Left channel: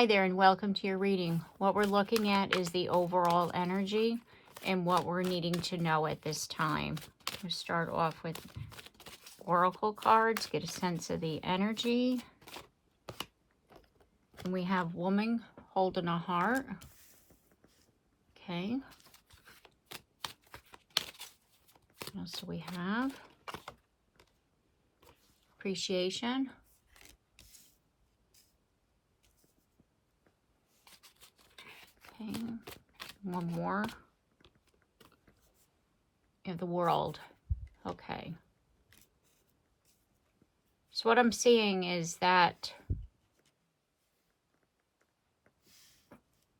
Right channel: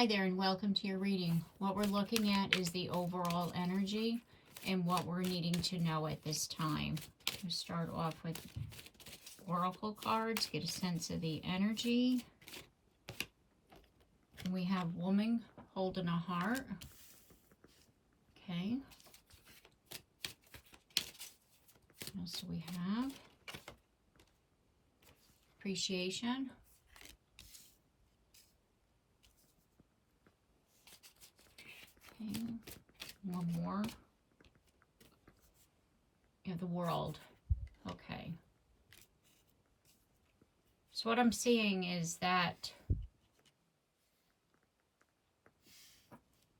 Hi there and welcome to your reading. What we're looking at is the overall energy and what we're needing to know at this time. We'll start off with oracle cards, get a sense of the energy. And we have woman holding a heart. Okay. What else do we have? Appreciation. Okay, one more. You have the world. Okay. So what I'm seeing is that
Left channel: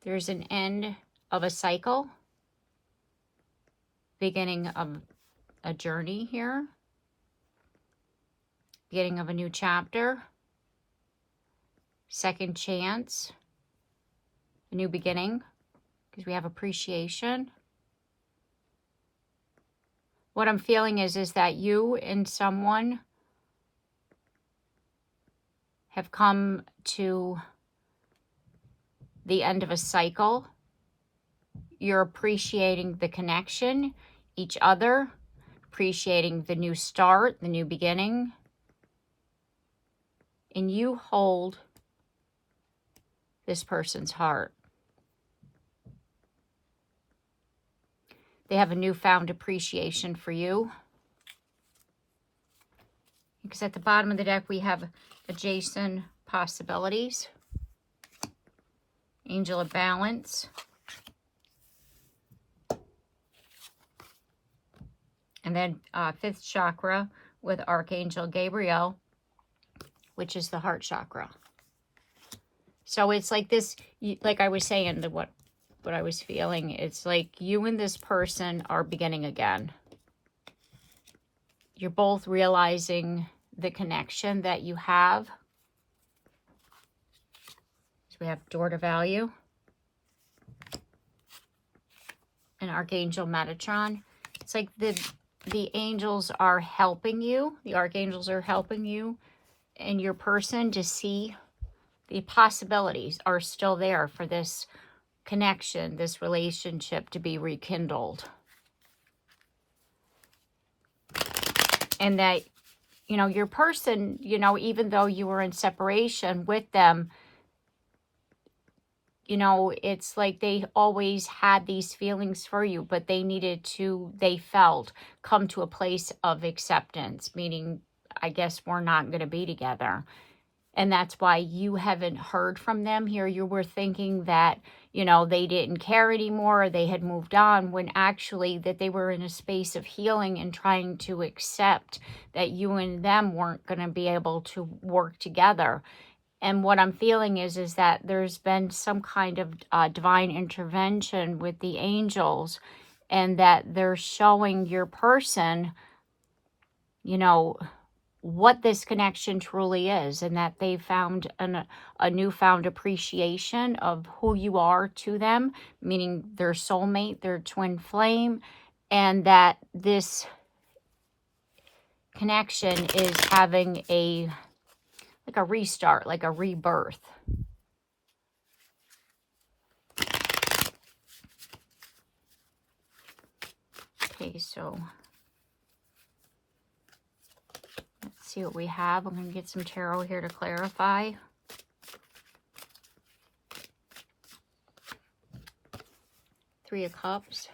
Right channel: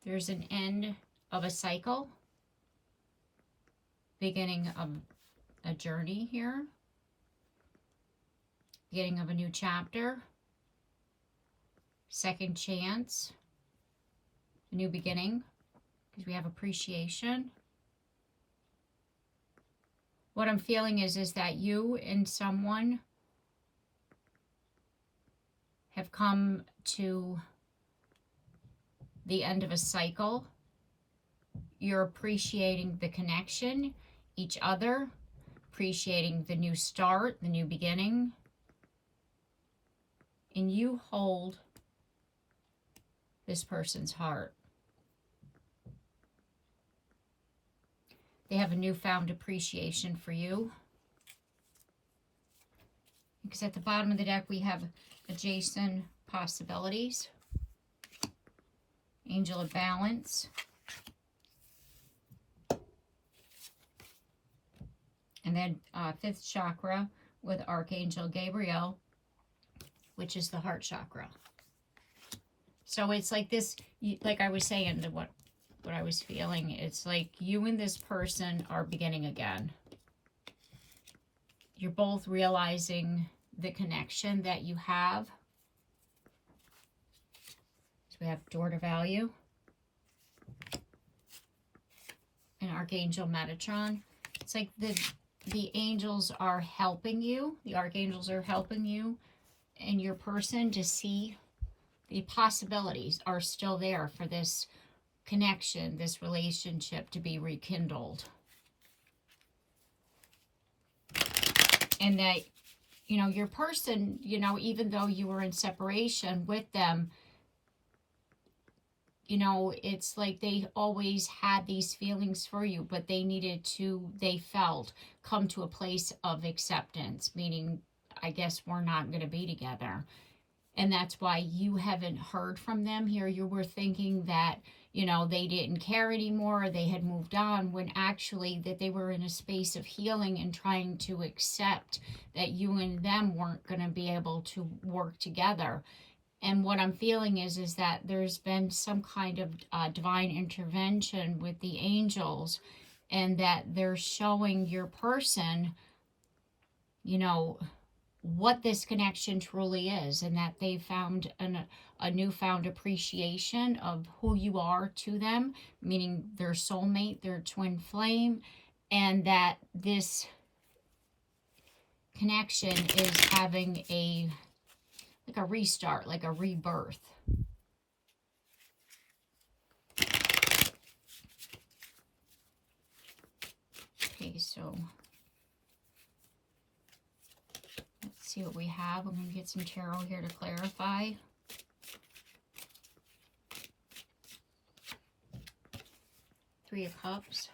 there's an end of a cycle, beginning of a journey here, beginning of a new chapter, second chance, a new beginning, because we have appreciation. What I'm feeling is that you and someone have come to the end of a cycle. You're appreciating the connection, each other, appreciating the new start, the new beginning. And you hold this person's heart. They have a newfound appreciation for you. Because at the bottom of the deck, we have adjacent possibilities. Angel of Balance. And then fifth chakra with Archangel Gabriel, which is the heart chakra. So it's like this, like I was saying, what I was feeling, it's like you and this person are beginning again. You're both realizing the connection that you have. So we have Door to Value and Archangel Metatron. It's like the angels are helping you. The archangels are helping you and your person to see the possibilities are still there for this connection, this relationship to be rekindled. And that, you know, your person, you know, even though you were in separation with them, you know, it's like they always had these feelings for you, but they needed to, they felt, come to a place of acceptance, meaning, I guess we're not going to be together. And that's why you haven't heard from them here. You were thinking that, you know, they didn't care anymore, or they had moved on, when actually that they were in a space of healing and trying to accept that you and them weren't going to be able to work together. And what I'm feeling is that there's been some kind of divine intervention with the angels, and that they're showing your person, you know, what this connection truly is, and that they found a newfound appreciation of who you are to them, meaning their soulmate, their twin flame, and that this connection is having like a restart, like a rebirth. Okay, so let's see what we have. I'm going to get some tarot here to clarify. Three of Cups.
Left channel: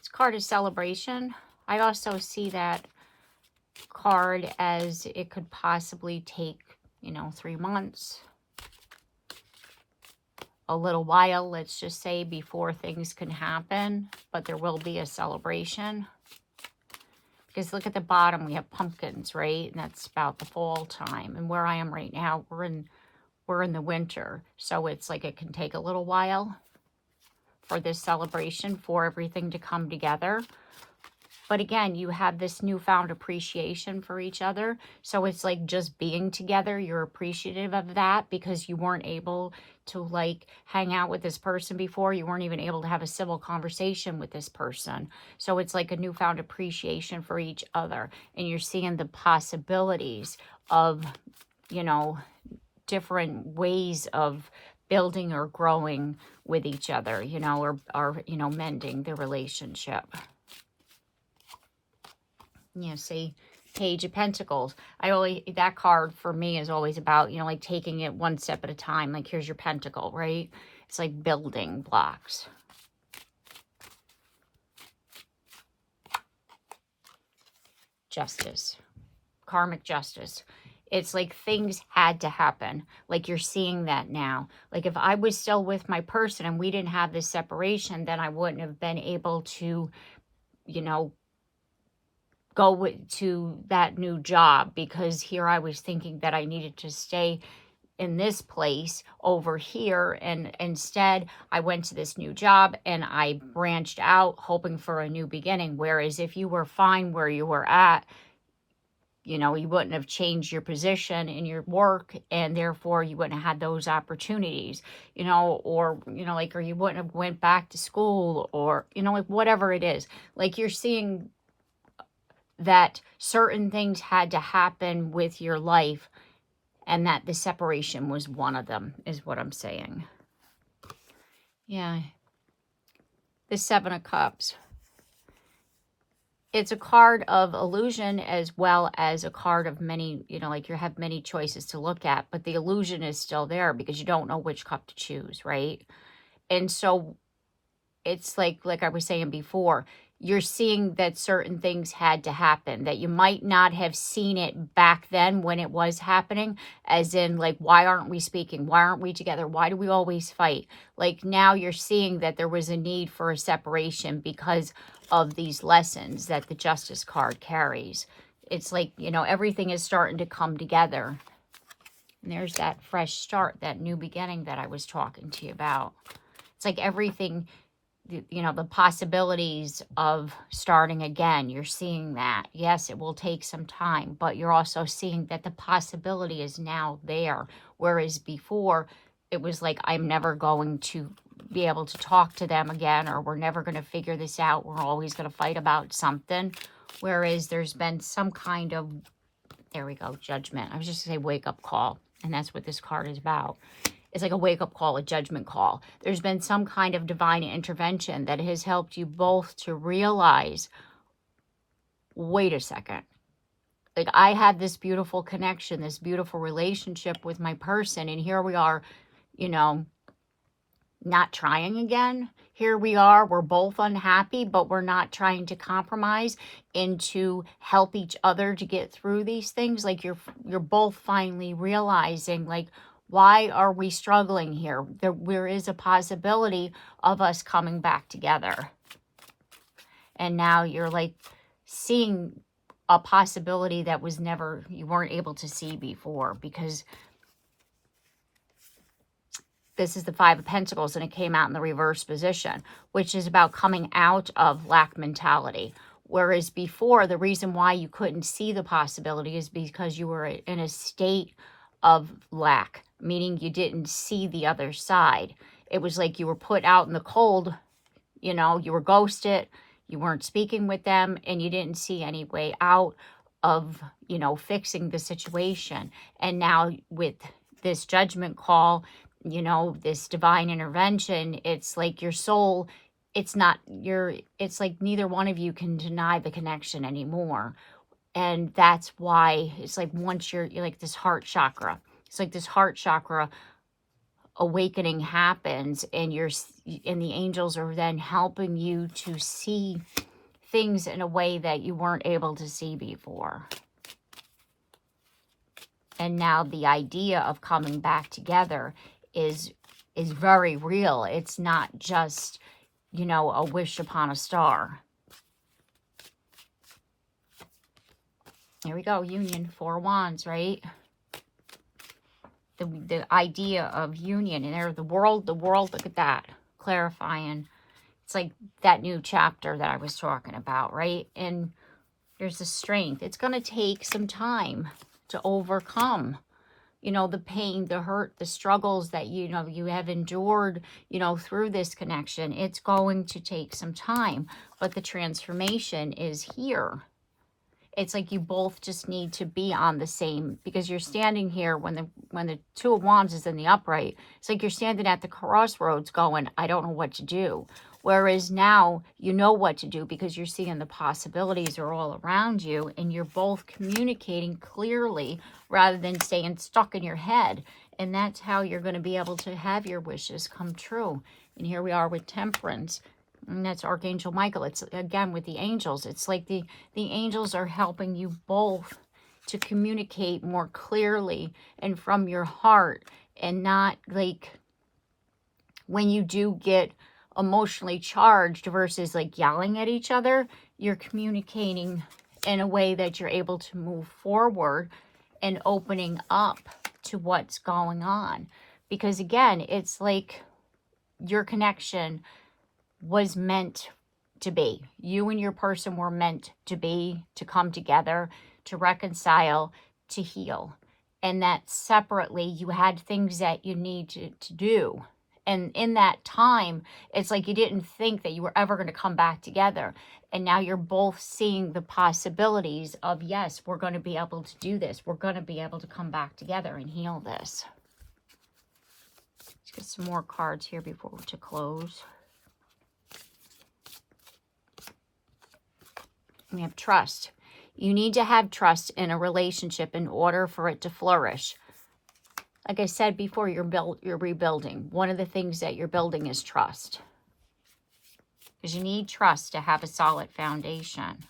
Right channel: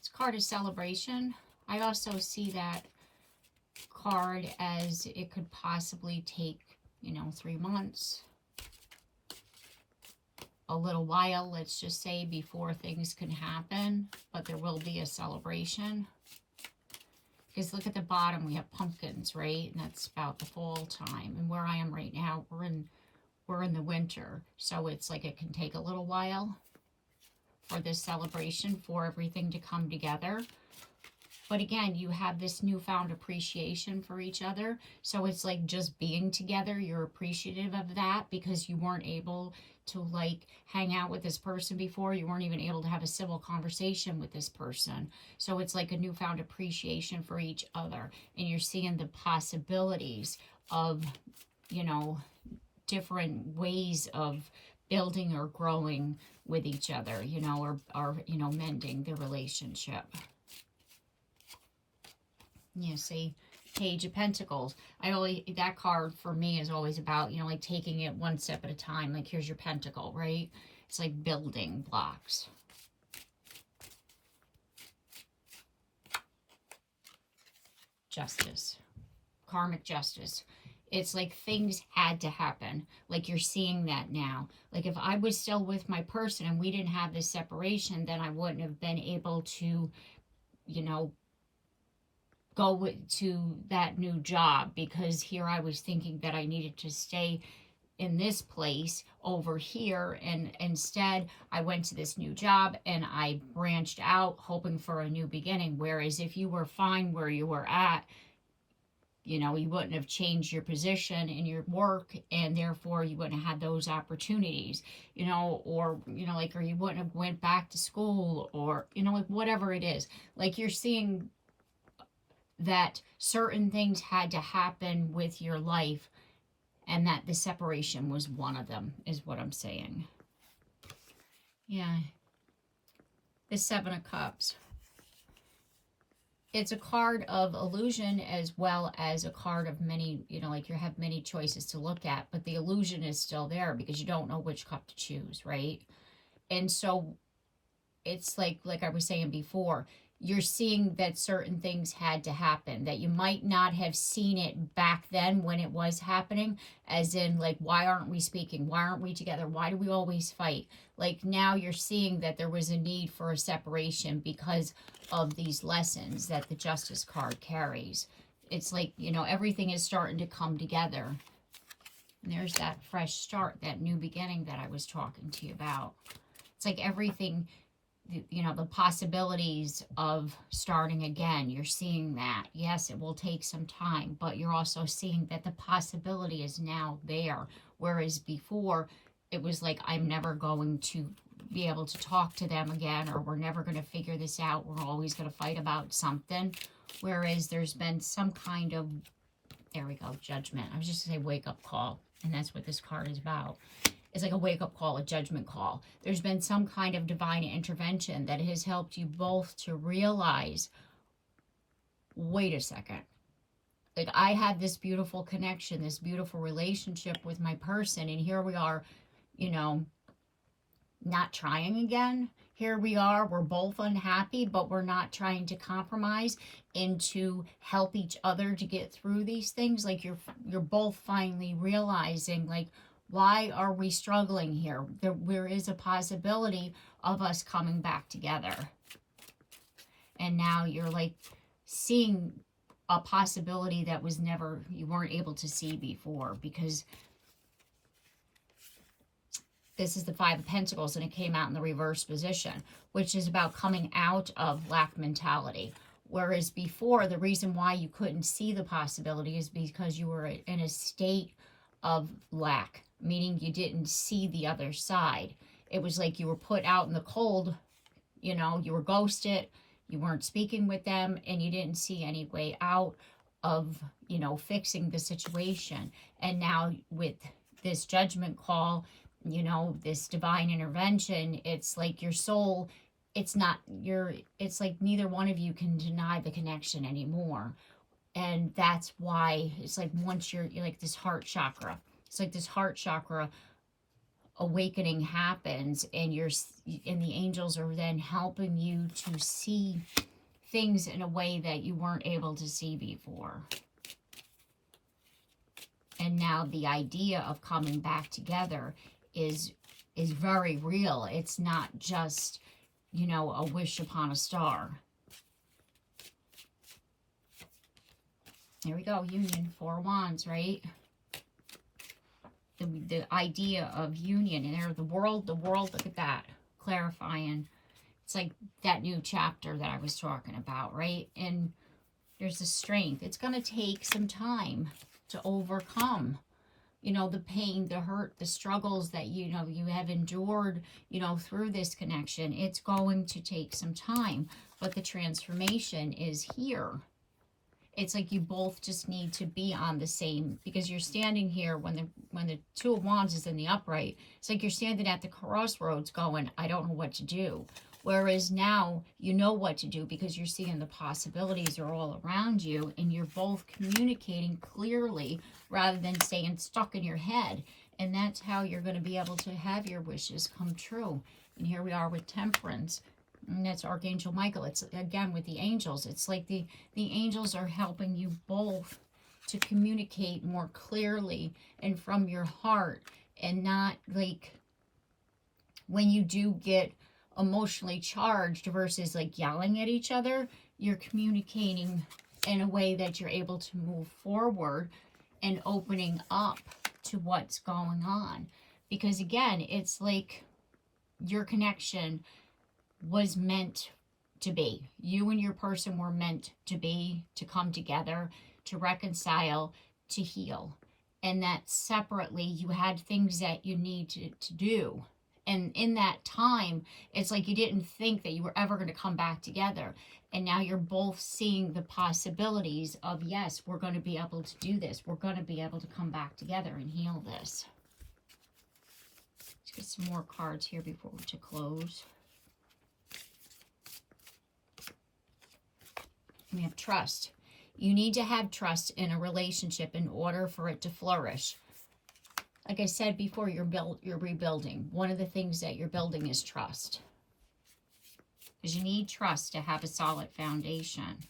This card is celebration. I also see that card as it could possibly take, you know, 3 months, a little while, let's just say, before things can happen, but there will be a celebration. Because look at the bottom, we have pumpkins, right? And that's about the fall time. And where I am right now, we're in the winter, so it's like it can take a little while for this celebration, for everything to come together. But again, you have this newfound appreciation for each other. So it's like just being together. You're appreciative of that because you weren't able to like hang out with this person before. You weren't even able to have a civil conversation with this person. So it's like a newfound appreciation for each other. And you're seeing the possibilities of, you know, different ways of building or growing with each other, you know, or you know, mending the relationship. You know, see, Page of Pentacles. That card for me is always about, you know, like taking it one step at a time. Like, here's your pentacle, right? It's like building blocks. Justice. Karmic justice. It's like things had to happen. Like, you're seeing that now. Like, if I was still with my person and we didn't have this separation, then I wouldn't have been able to, you know, go to that new job, because here I was thinking that I needed to stay in this place over here, and instead I went to this new job and I branched out hoping for a new beginning. Whereas if you were fine where you were at, you know, you wouldn't have changed your position in your work, and therefore you wouldn't have had those opportunities, you know, or, you know, like, or you wouldn't have went back to school, or, you know, like, whatever it is. Like, you're seeing that certain things had to happen with your life, and that the separation was one of them, is what I'm saying. Yeah. The Seven of Cups. It's a card of illusion as well as a card of many, you know, like, you have many choices to look at, but the illusion is still there because you don't know which cup to choose, right? And so it's like I was saying before, you're seeing that certain things had to happen, that you might not have seen it back then when it was happening, as in, like, why aren't we speaking? Why aren't we together? Why do we always fight? Like, now you're seeing that there was a need for a separation because of these lessons that the Justice card carries. It's like, you know, everything is starting to come together. And there's that fresh start, that new beginning that I was talking to you about. It's like everything, you know, the possibilities of starting again, you're seeing that. Yes, it will take some time, but you're also seeing that the possibility is now there. Whereas before, it was like, I'm never going to be able to talk to them again, or we're never going to figure this out. We're always going to fight about something. Whereas there's been some kind of, there we go, judgment. I was just going to say wake up call. And that's what this card is about. It's like a wake-up call, a judgment call. There's been some kind of divine intervention that has helped you both to realize, wait a second. Like, I had this beautiful connection, this beautiful relationship with my person, and here we are, you know, not trying again. Here we are, we're both unhappy, but we're not trying to compromise and to help each other to get through these things. Like, you're both finally realizing, like, why are we struggling here? There is a possibility of us coming back together. And now you're like seeing a possibility that was never, you weren't able to see before, because this is the Five of Pentacles and it came out in the reverse position, which is about coming out of lack mentality. Whereas before, the reason why you couldn't see the possibility is because you were in a state of lack, meaning you didn't see the other side. It was like you were put out in the cold, you know, you were ghosted, you weren't speaking with them, and you didn't see any way out of, you know, fixing the situation. And now with this judgment call, you know, this divine intervention, it's like your soul, it's like neither one of you can deny the connection anymore. And that's why it's like, once you're like this heart chakra, it's like this heart chakra awakening happens, and the angels are then helping you to see things in a way that you weren't able to see before. And now the idea of coming back together is very real. It's not just, you know, a wish upon a star. Here we go, union, Four Wands, right? The idea of union, and there, the world, look at that, clarifying. It's like that new chapter that I was talking about, right? And there's the strength. It's going to take some time to overcome, you know, the pain, the hurt, the struggles that, you know, you have endured, you know, through this connection. It's going to take some time, but the transformation is here. It's like you both just need to be on the same, because you're standing here when the Two of Wands is in the upright. It's like you're standing at the crossroads going, I don't know what to do. Whereas now you know what to do because you're seeing the possibilities are all around you, and you're both communicating clearly rather than staying stuck in your head. And that's how you're going to be able to have your wishes come true. And here we are with Temperance. And that's Archangel Michael. It's, again, with the angels. It's like the angels are helping you both to communicate more clearly and from your heart, and not like when you do get emotionally charged versus like yelling at each other, you're communicating in a way that you're able to move forward and opening up to what's going on. Because again, it's like your connection was meant to be. You and your person were meant to be, to come together, to reconcile, to heal. And that separately, you had things that you need to do. And in that time, it's like you didn't think that you were ever going to come back together. And now you're both seeing the possibilities of, yes, we're going to be able to do this. We're going to be able to come back together and heal this. Let's get some more cards here before to close. We have trust. You need to have trust in a relationship in order for it to flourish. Like I said before, you're rebuilding. One of the things that you're building is trust. Because you need trust to have a solid foundation.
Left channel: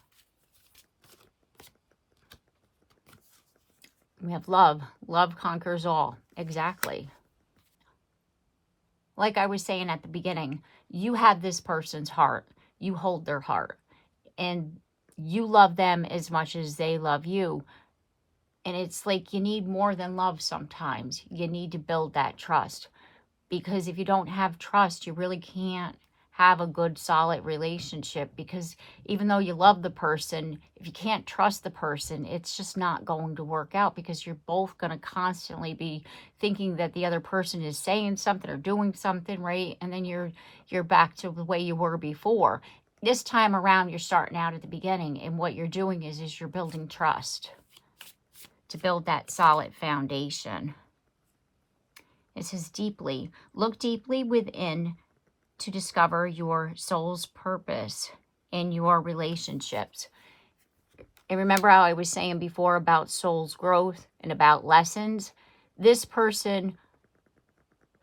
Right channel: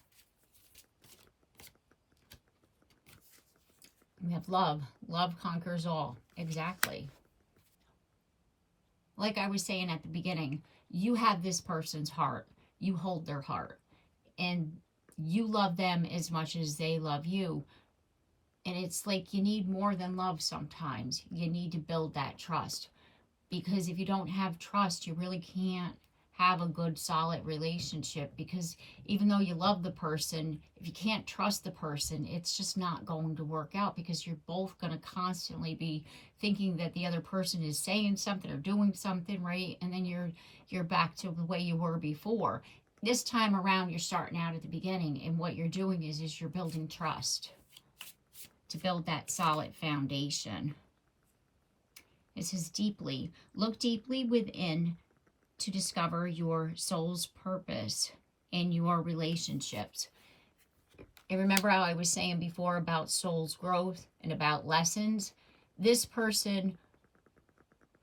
We have love. Love conquers all. Exactly. Like I was saying at the beginning, you have this person's heart. You hold their heart. And you love them as much as they love you. And it's like you need more than love sometimes. You need to build that trust. Because if you don't have trust, you really can't have a good, solid relationship. Because even though you love the person, if you can't trust the person, it's just not going to work out. Because you're both going to constantly be thinking that the other person is saying something or doing something, right? And then you're back to the way you were before. This time around, you're starting out at the beginning, and what you're doing is you're building trust to build that solid foundation. It says deeply. Look deeply within to discover your soul's purpose in your relationships. And remember how I was saying before about soul's growth and about lessons? This person,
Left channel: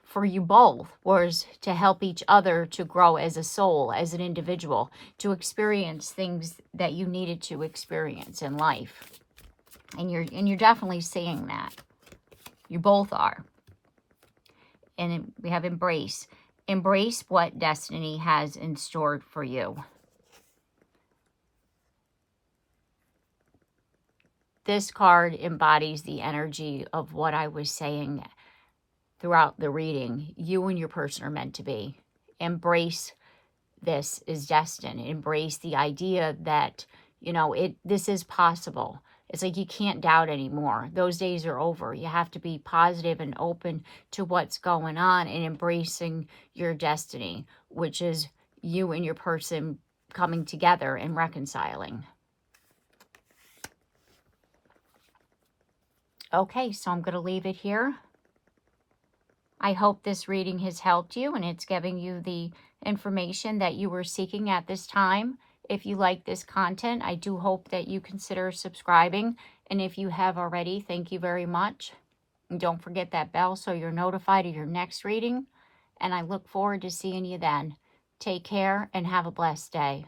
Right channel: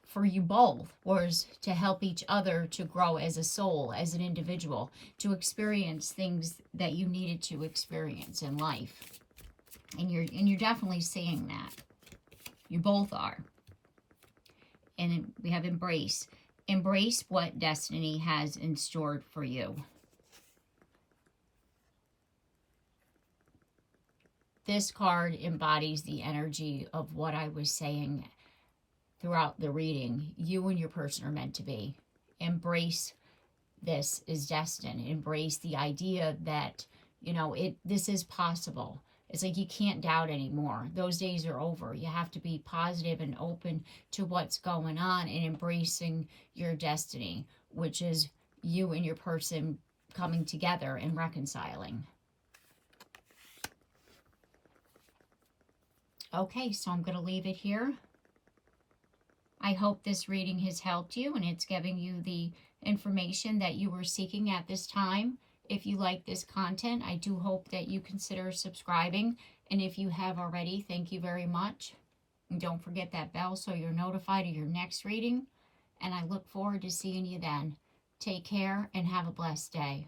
for you both, was to help each other to grow as a soul, as an individual, to experience things that you needed to experience in life. And you're definitely seeing that. You both are. And we have embrace. Embrace what destiny has in store for you. This card embodies the energy of what I was saying throughout the reading. You and your person are meant to be. Embrace this is destined. Embrace the idea that, you know, this is possible. It's like you can't doubt anymore. Those days are over. You have to be positive and open to what's going on and embracing your destiny, which is you and your person coming together and reconciling. Okay, so I'm going to leave it here. I hope this reading has helped you and it's giving you the information that you were seeking at this time. If you like this content, I do hope that you consider subscribing. And if you have already, thank you very much. And don't forget that bell so you're notified of your next reading. And I look forward to seeing you then. Take care and have a blessed day.